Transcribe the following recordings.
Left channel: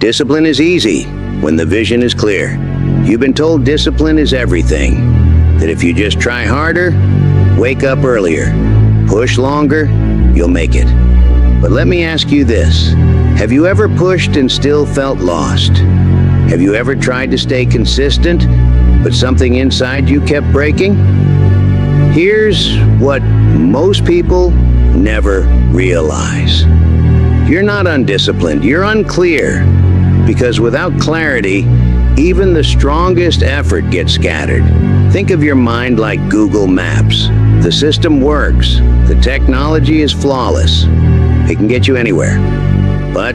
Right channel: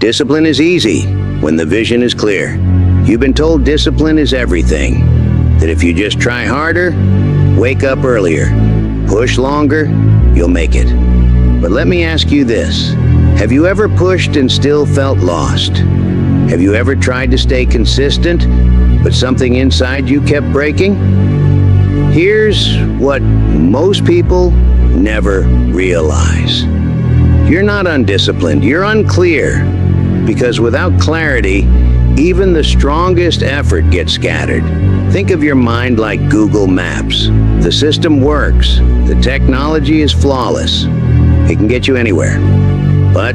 Discipline is easy when the vision is clear. You've been told discipline is everything, that if you just try harder, wake up earlier, push longer, you'll make it. But let me ask you this. Have you ever pushed and still felt lost? Have you ever tried to stay consistent, but something inside you kept breaking? Here's what most people never realize. You're not undisciplined, you're unclear. Because without clarity, even the strongest effort gets scattered. Think of your mind like Google Maps. The system works, the technology is flawless. It can get you anywhere. But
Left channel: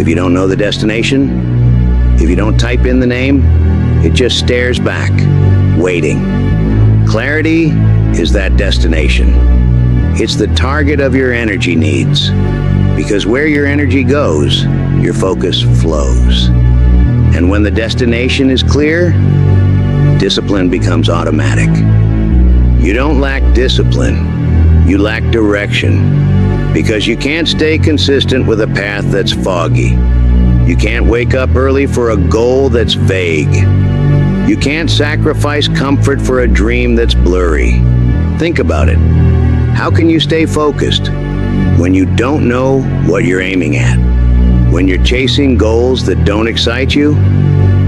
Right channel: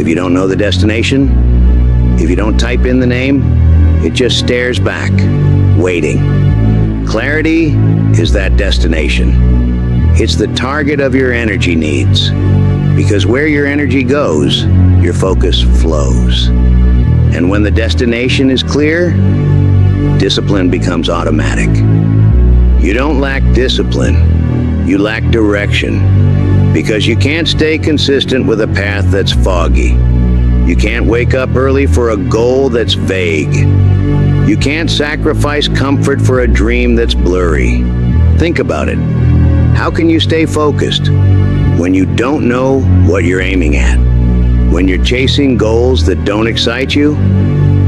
if you don't know the destination, if you don't type in the name, it just stares back, waiting. Clarity is that destination. It's the target of your energy needs. Because where your energy goes, your focus flows. And when the destination is clear, discipline becomes automatic. You don't lack discipline, you lack direction. Because you can't stay consistent with a path that's foggy. You can't wake up early for a goal that's vague. You can't sacrifice comfort for a dream that's blurry. Think about it. How can you stay focused when you don't know what you're aiming at? When you're chasing goals that don't excite you?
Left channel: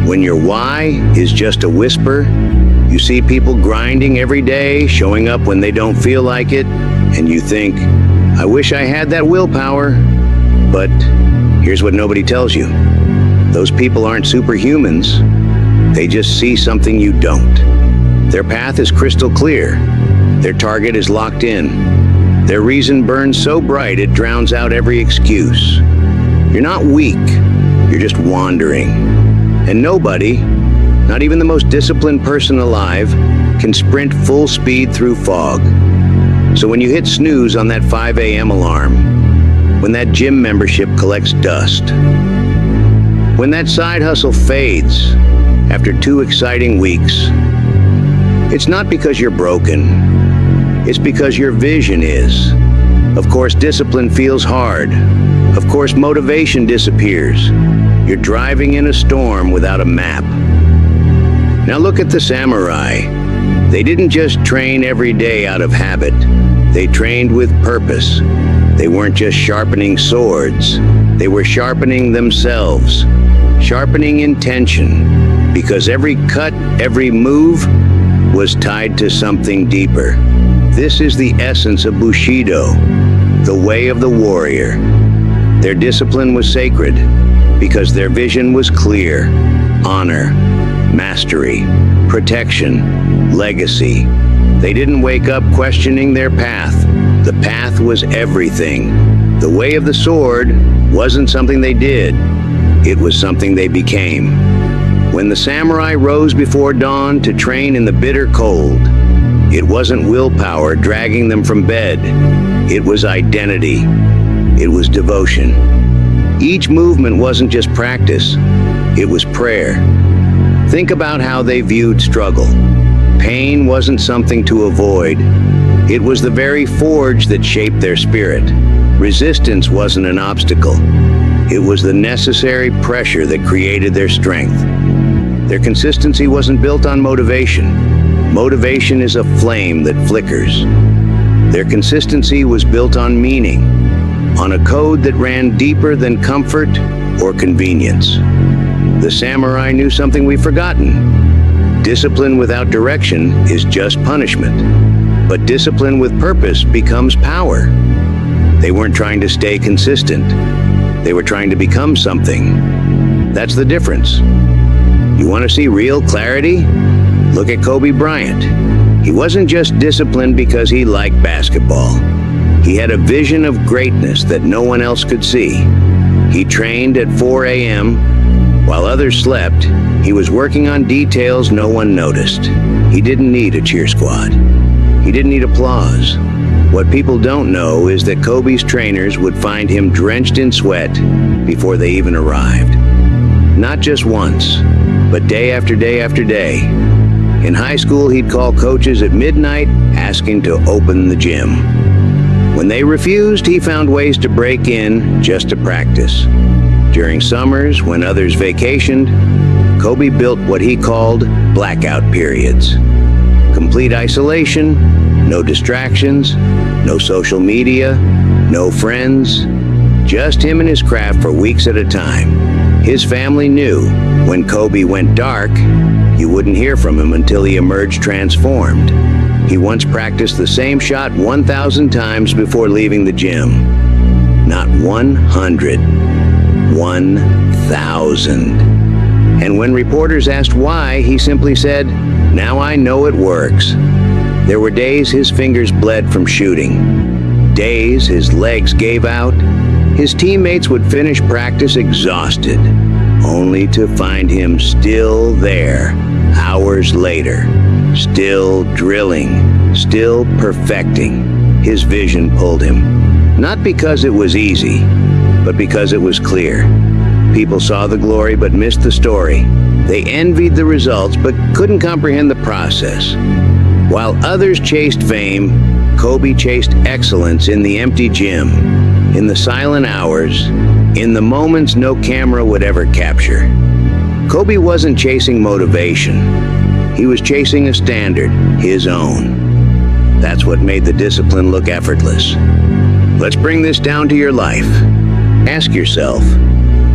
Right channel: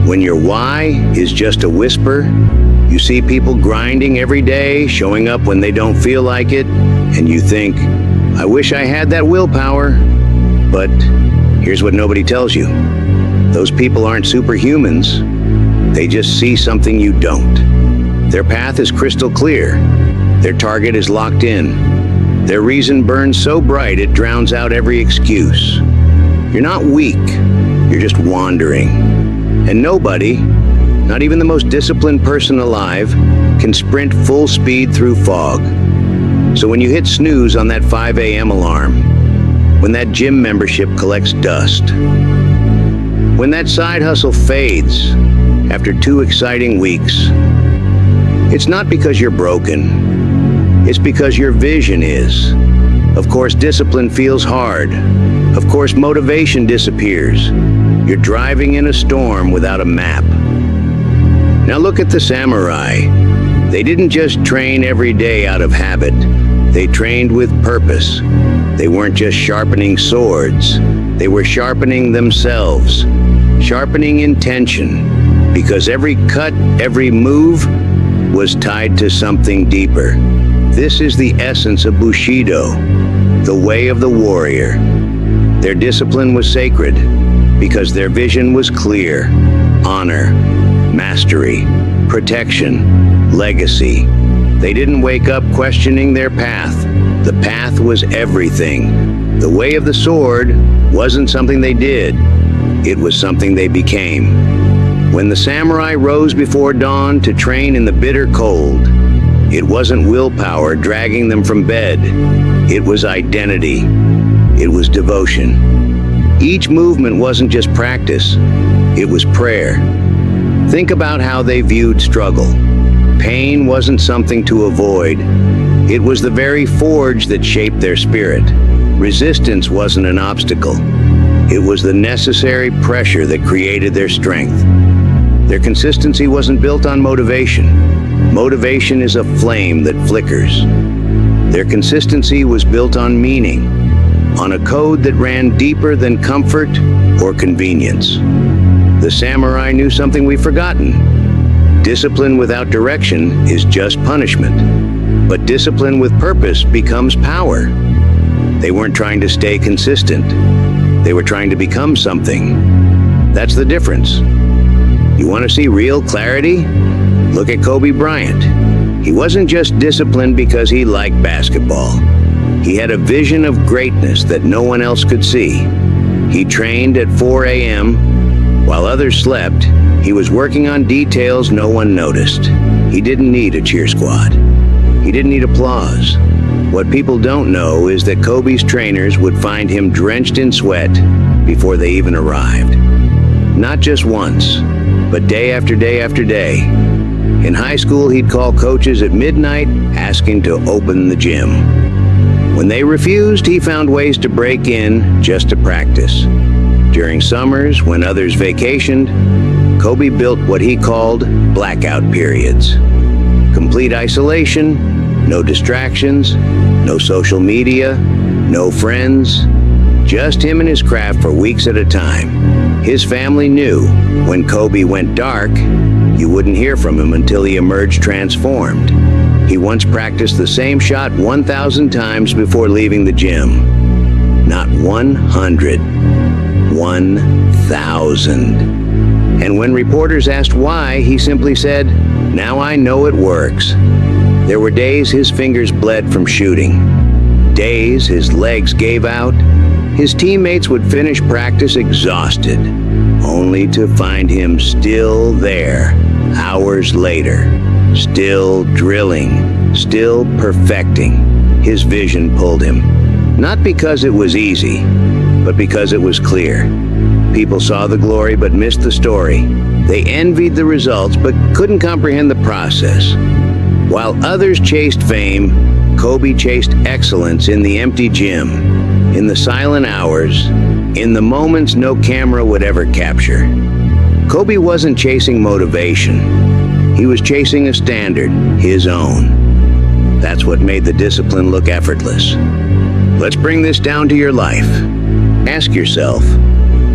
When your why is just a whisper? You see people grinding every day, showing up when they don't feel like it, and you think, I wish I had that willpower. But here's what nobody tells you. Those people aren't superhumans. They just see something you don't. Their path is crystal clear. Their target is locked in. Their reason burns so bright it drowns out every excuse. You're not weak, you're just wandering. And nobody, not even the most disciplined person alive, can sprint full speed through fog. So when you hit snooze on that 5 a.m. alarm, when that gym membership collects dust, when that side hustle fades after 2 exciting weeks, it's not because you're broken, it's because your vision is. Of course, discipline feels hard. Of course, motivation disappears. You're driving in a storm without a map. Now look at the samurai. They didn't just train every day out of habit. They trained with purpose. They weren't just sharpening swords. They were sharpening themselves, sharpening intention, because every cut, every move was tied to something deeper. This is the essence of Bushido, the way of the warrior. Their discipline was sacred because their vision was clear. Honor, mastery, protection, legacy. They didn't wake up questioning their path. The path was everything. The way of the sword wasn't something they did. It was something they became. When the samurai rose before dawn to train in the bitter cold, it wasn't willpower dragging them from bed. It was identity. It was devotion. Each movement wasn't just practice, it was prayer. Think about how they viewed struggle. Pain wasn't something to avoid. It was the very forge that shaped their spirit. Resistance wasn't an obstacle. It was the necessary pressure that created their strength. Their consistency wasn't built on motivation. Motivation is a flame that flickers. Their consistency was built on meaning, on a code that ran deeper than comfort or convenience. The samurai knew something we've forgotten. Discipline without direction is just punishment, but discipline with purpose becomes power. They weren't trying to stay consistent. They were trying to become something. That's the difference. You want to see real clarity? Look at Kobe Bryant. He wasn't just disciplined because he liked basketball. He had a vision of greatness that no one else could see. He trained at 4 a.m. While others slept. He was working on details no one noticed. He didn't need a cheer squad. He didn't need applause. What people don't know is that Kobe's trainers would find him drenched in sweat before they even arrived. Not just once, but day after day after day. In high school, he'd call coaches at midnight asking to open the gym. When they refused, he found ways to break in just to practice. During summers, when others vacationed, Kobe built what he called blackout periods. Complete isolation, no distractions, no social media, no friends, just him and his craft for weeks at a time. His family knew when Kobe went dark, you wouldn't hear from him until he emerged transformed. He once practiced the same shot 1,000 times before leaving the gym. Not 100, 1,000. And when reporters asked why, he simply said, "Now I know it works." There were days his fingers bled from shooting. Days his legs gave out. His teammates would finish practice exhausted, only to find him still there, hours later, still drilling, still perfecting. His vision pulled him. Not because it was easy, but because it was clear. People saw the glory but missed the story. They envied the results but couldn't comprehend the process. While others chased fame, Kobe chased excellence in the empty gym, in the silent hours, in the moments no camera would ever capture. Kobe wasn't chasing motivation. He was chasing a standard, his own. That's what made the discipline look effortless. Let's bring this down to your life. Ask yourself,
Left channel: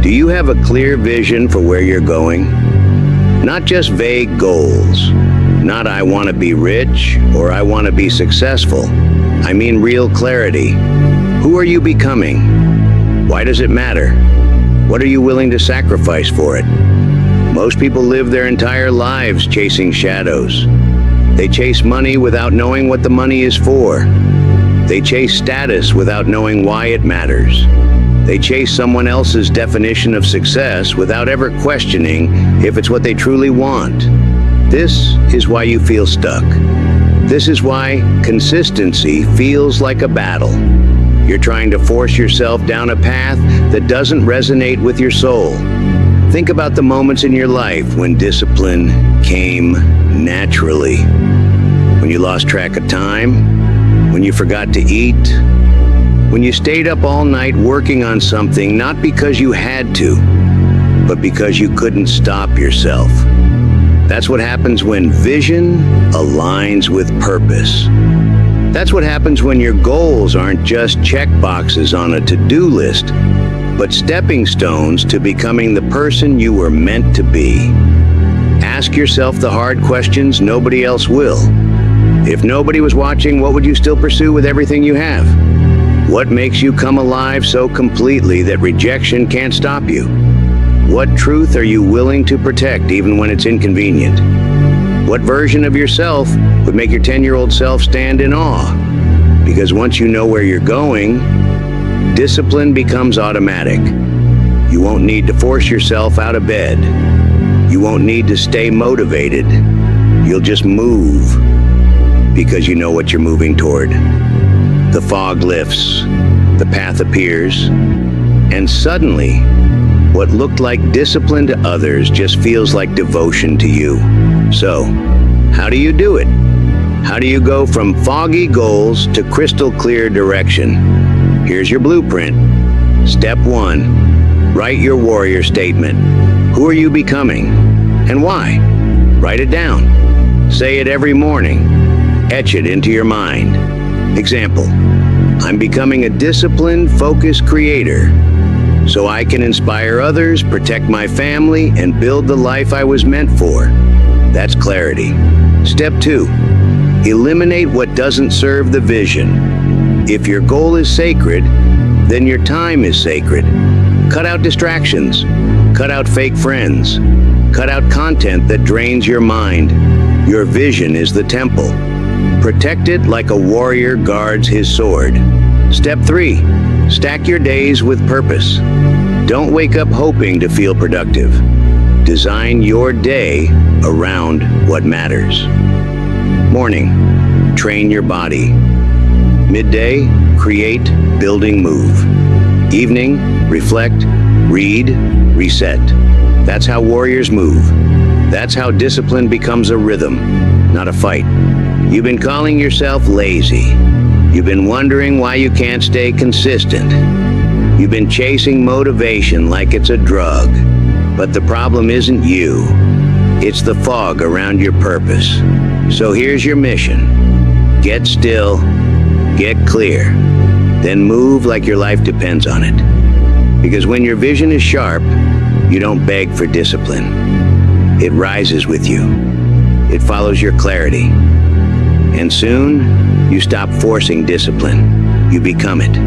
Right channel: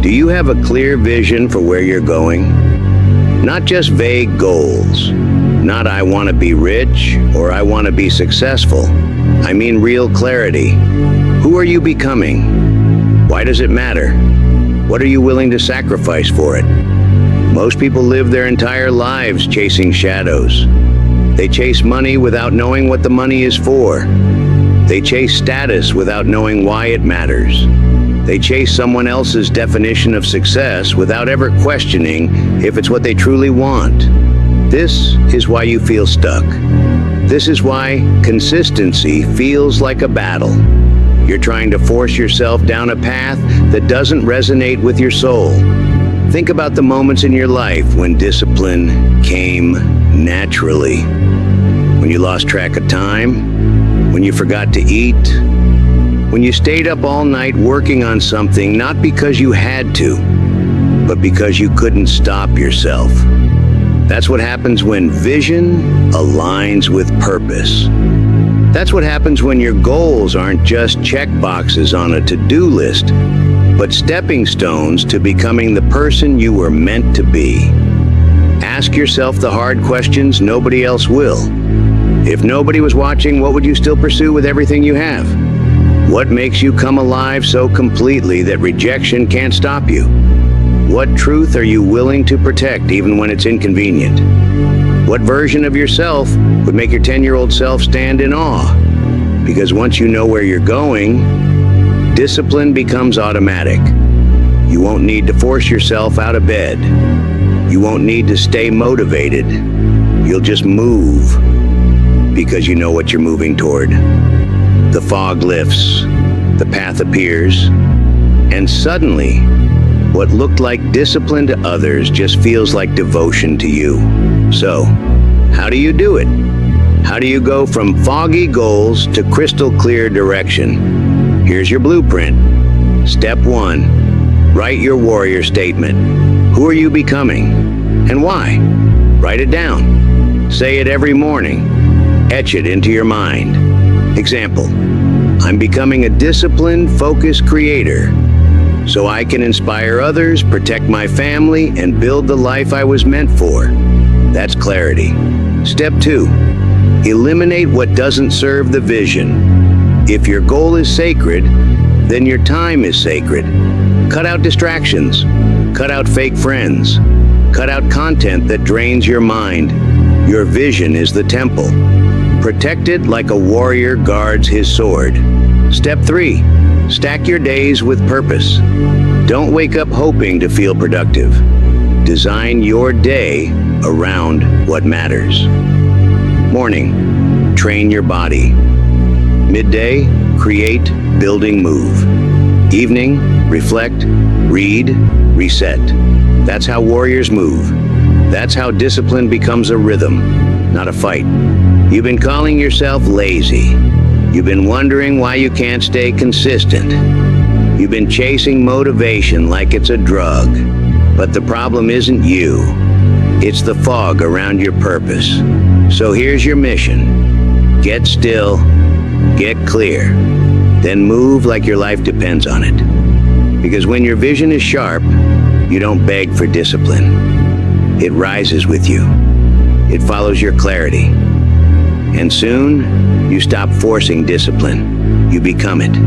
do you have a clear vision for where you're going? Not just vague goals. Not "I want to be rich" or "I want to be successful." I mean real clarity. Who are you becoming? Why does it matter? What are you willing to sacrifice for it? Most people live their entire lives chasing shadows. They chase money without knowing what the money is for. They chase status without knowing why it matters. They chase someone else's definition of success without ever questioning if it's what they truly want. This is why you feel stuck. This is why consistency feels like a battle. You're trying to force yourself down a path that doesn't resonate with your soul. Think about the moments in your life when discipline came naturally. When you lost track of time, when you forgot to eat, when you stayed up all night working on something not because you had to, but because you couldn't stop yourself. That's what happens when vision aligns with purpose. That's what happens when your goals aren't just check boxes on a to-do list, but stepping stones to becoming the person you were meant to be. Ask yourself the hard questions nobody else will. If nobody was watching, what would you still pursue with everything you have? What makes you come alive so completely that rejection can't stop you? What truth are you willing to protect even when it's inconvenient? What version of yourself would make your 10-year-old self stand in awe? Because once you know where you're going, discipline becomes automatic. You won't need to force yourself out of bed. You won't need to stay motivated. You'll just move because you know what you're moving toward. The fog lifts, the path appears, and suddenly, what looked like discipline to others just feels like devotion to you. So, how do you do it? How do you go from foggy goals to crystal clear direction? Here's your blueprint. Step 1, write your warrior statement. Who are you becoming? And why? Write it down. Say it every morning. Etch it into your mind. Example, I'm becoming a disciplined, focused creator so I can inspire others, protect my family, and build the life I was meant for. That's clarity. Step 2, eliminate what doesn't serve the vision. If your goal is sacred, then your time is sacred. Cut out distractions. Cut out fake friends. Cut out content that drains your mind. Your vision is the temple. Protect it like a warrior guards his sword. Step 3, stack your days with purpose. Don't wake up hoping to feel productive. Design your day around what matters. Morning, train your body. Midday, create, building, move. Evening, reflect, read, reset. That's how warriors move. That's how discipline becomes a rhythm, not a fight. You've been calling yourself lazy. You've been wondering why you can't stay consistent. You've been chasing motivation like it's a drug. But the problem isn't you. It's the fog around your purpose. So here's your mission. Get still, get clear, then move like your life depends on it. Because when your vision is sharp, you don't beg for discipline. It rises with you. It follows your clarity. And soon, you stop forcing discipline. You become it.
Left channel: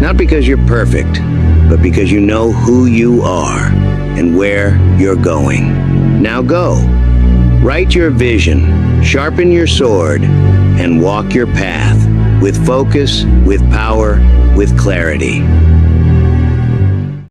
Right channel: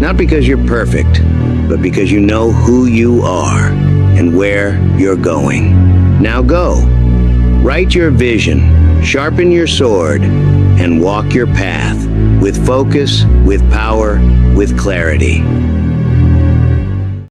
Not because you're perfect, but because you know who you are and where you're going. Now go. Write your vision, sharpen your sword, and walk your path with focus, with power, with clarity.